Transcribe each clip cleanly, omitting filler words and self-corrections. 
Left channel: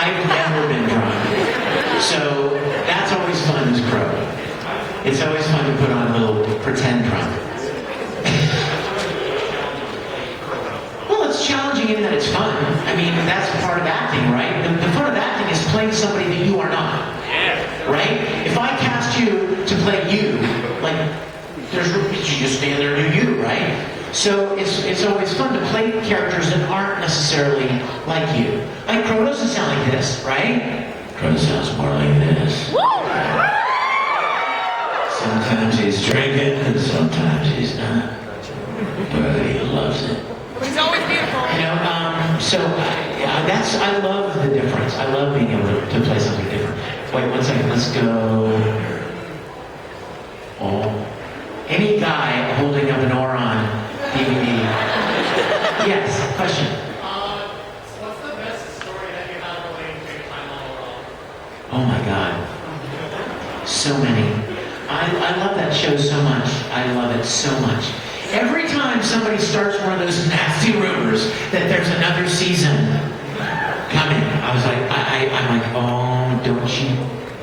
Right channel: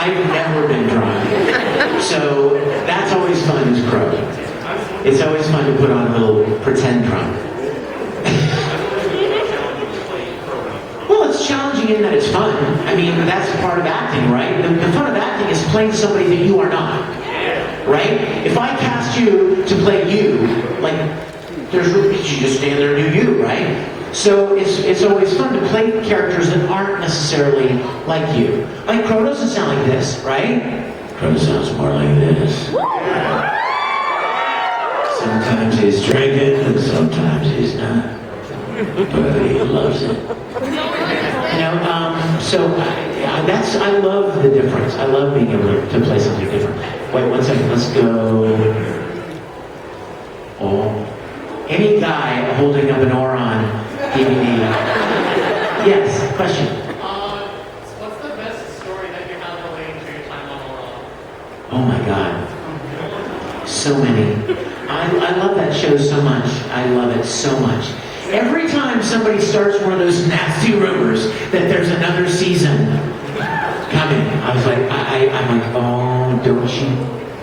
I've never been drunk. So that's always fun as Qrow. It's always fun to put on a little pretend drunk. Well, it's challenging in that it's fun. I mean, that's part of acting, right? The fun of acting is playing somebody that you are not. Right? If I cast you to play you, like, you just stand there and do you, right? So it's always fun to play characters that aren't necessarily like you. Like Qrow doesn't sound like this, right? Qrow sounds more like this. Sometimes he's drinking and sometimes he's not. But he loves it. I love the difference. I love being able to play something different. Wait, 1 second, let's go. Oh. Any guy holding up an Ouran DVD. Yes, question. What's the best story that you have related to your time on Ouran? Oh my God. So many. I love that show so much. I love it so much. Every time somebody starts one of those nasty rumors that there's another season coming, I was like, I'm like, oh, don't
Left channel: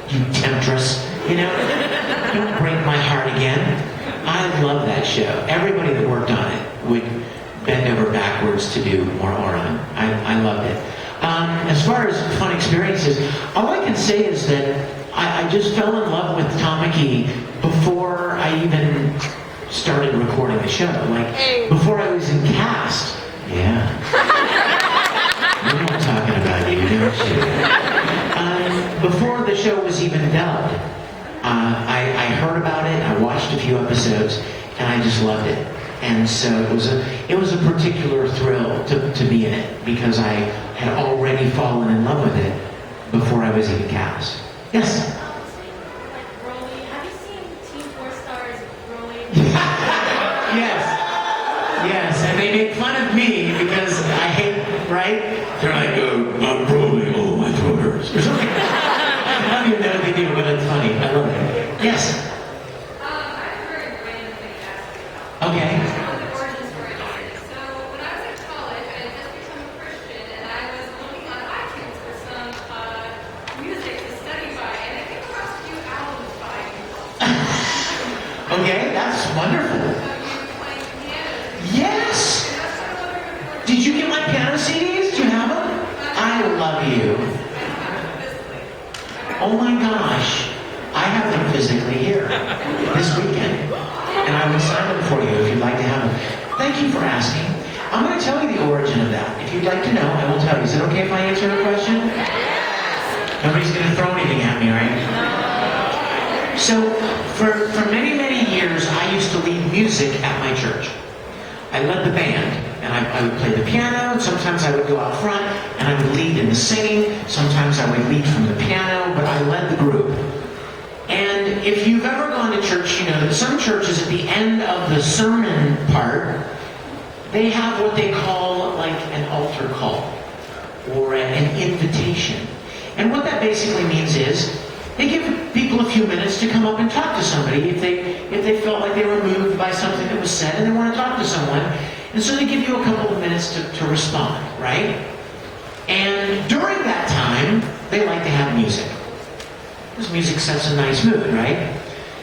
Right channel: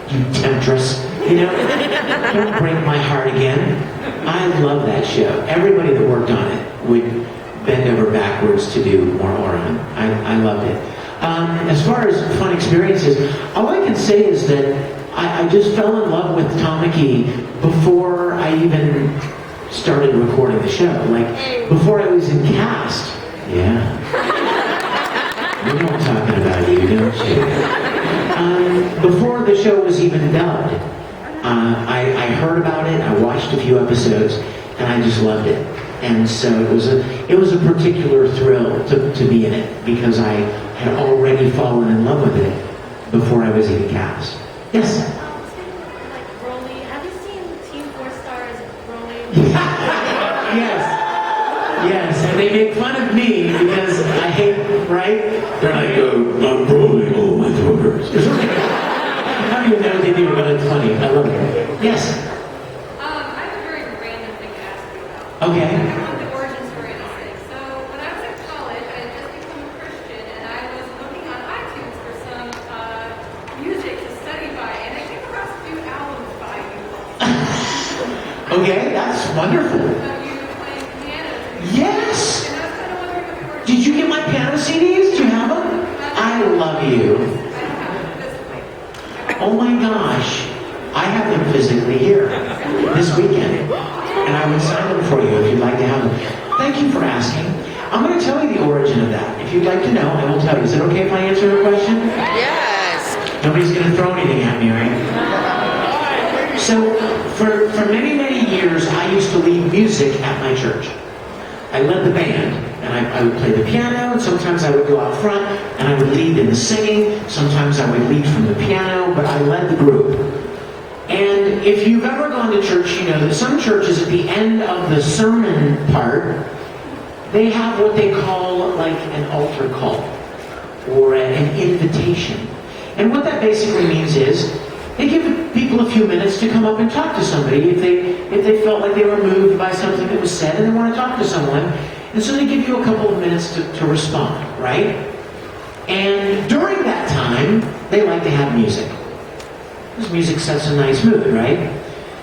you temptress, don't break my heart again. I love that show. Everybody that worked on it would bend over backwards to do more Ouran. I loved it. As far as fun experiences, all I can say is that I just fell in love with Tom McKee before I even started recording the show. Like, before I was in cast. Yeah. You know I'm talking about you, don't you? Before the show was even dubbed, I heard about it, I watched a few episodes, and I just loved it. And so it was a particular thrill to be in it, because I had already fallen in love with it before I was even cast. Yes? Yes, and they make fun of me because I hate, right? They're like, I'm Broly, oh, my throat hurts. I don't even know what they do, but it's funny. I love it. Yes? I have a very random thing to ask you about. Okay. It's one of the origin story of this thing. So, when I was in college, I had just become a Christian, and I was looking on iTunes for some music to study by, and I came across a few albums by you. Okay, that's wonderful. Yes! Did you get my piano CDs? Do you have them? I love you. Oh my gosh. I have them physically here this weekend. And I would sign them for you if you'd like to have them. Thank you for asking. I'm going to tell you the origin of that. If you'd like to know, I will tell you. Is it okay if I answer your question? Yes! Nobody's going to throw anything at me, right? So, for many, many years, I used to lead music at my church. I led the band, and I would play the piano, and sometimes I would go out front, and I would lead in the singing. Sometimes I would lead from the piano, but I led the group. And if you've ever gone to church, you know that some churches at the end of the sermon part, they have what they call like an altar call, or an invitation. And what that basically means is, they give people a few minutes to come up and talk to somebody if they felt like they were moved by something that was said and they want to talk to someone. And so they give you a couple of minutes to respond, right? And during that time, they like to have music. Because music sets a nice mood, right?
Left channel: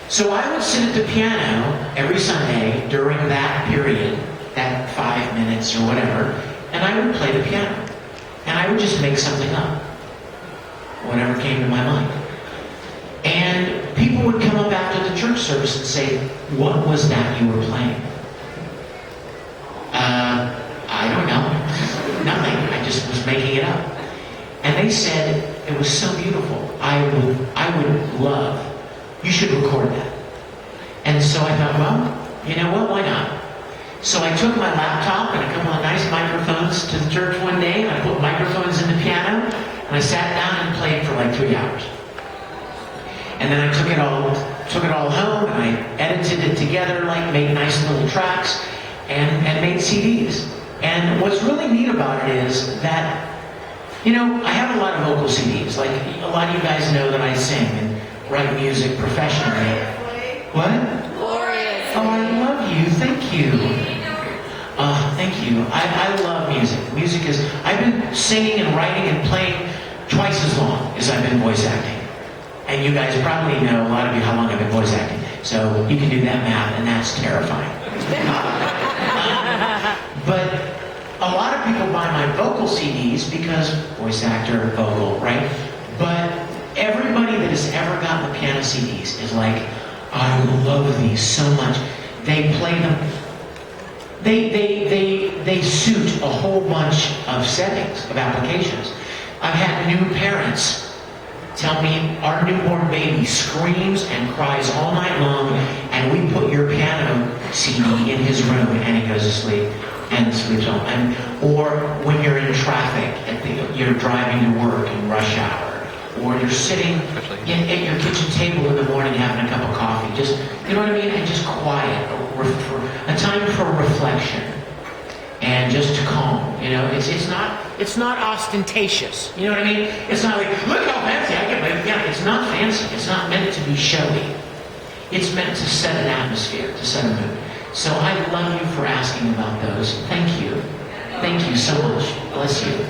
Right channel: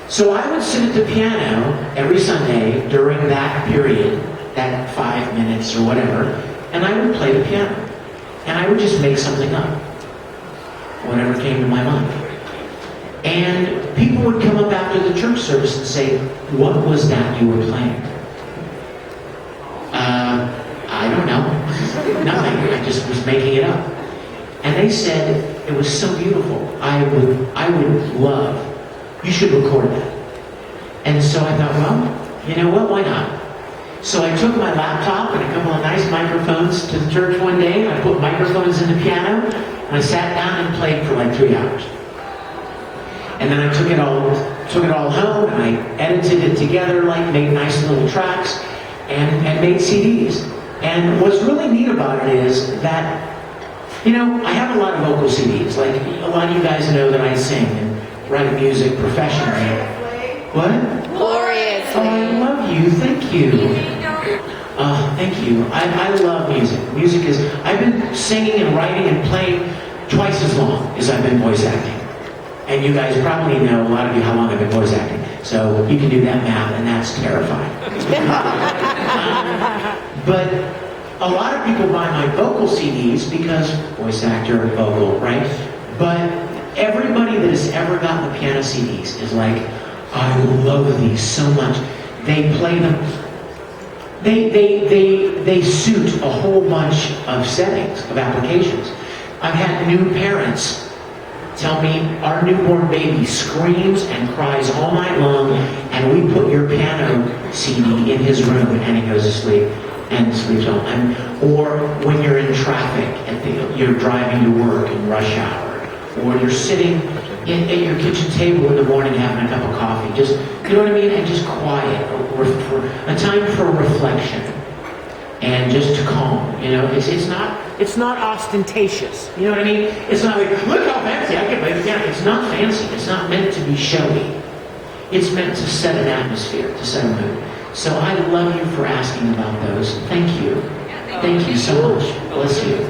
So I would sit at the piano every Sunday during that period, that 5 minutes or whatever, and I would play the piano. And I would just make something up. Whatever came to my mind. And people would come up after the church service and say, what was that you were playing? I don't know. Nothing. I just was making it up. And they said, it was so beautiful. I would love, you should record that. And so I thought, well, you know what, why not? So I took my laptop and a couple of nice microphones to the church one day, and I put microphones in the piano, and I sat down and played for like 3 hours. And then I took it all home, and I edited it together, like made nice little tracks, and made CDs. And what's really neat about it is that, you know, I have a lot of vocal CDs. Like, a lot of you guys know that I sing and write music professionally. What? Gloriously. Oh, I love you. Thank you. Thank you. I love music. Music is, I've been singing and writing and playing twice as long as I've been voice acting. And you guys probably know, a lot of you, how long I've been voice acting. So you can do that math, and that's terrifying. But a lot of people buy my vocal CDs because voice actor, vocal, right? But everybody that has ever gotten the piano CDs is like, I love these so much. They play them. They suit a whole bunch of settings, of applications. I've had new parents tell me our newborn baby screams and cries all night long, and we put your piano CD in his room and he goes to sleep and sleeps on. Or when you're in traffic and you're driving to work in rush hour, or you're sitting at your kitchen table in the morning having a cup of coffee, just, you know what I mean? And just quiet, a time for reflection and just calm. You know, it's not ostentatious. You know what I mean? It's not like, look how fancy I can play the piano. It's not fancy. It's not meant to be showy. It's meant to set an atmosphere, to set a mood. So I love you for asking about those. Thank you. Thank you so much. Bless you.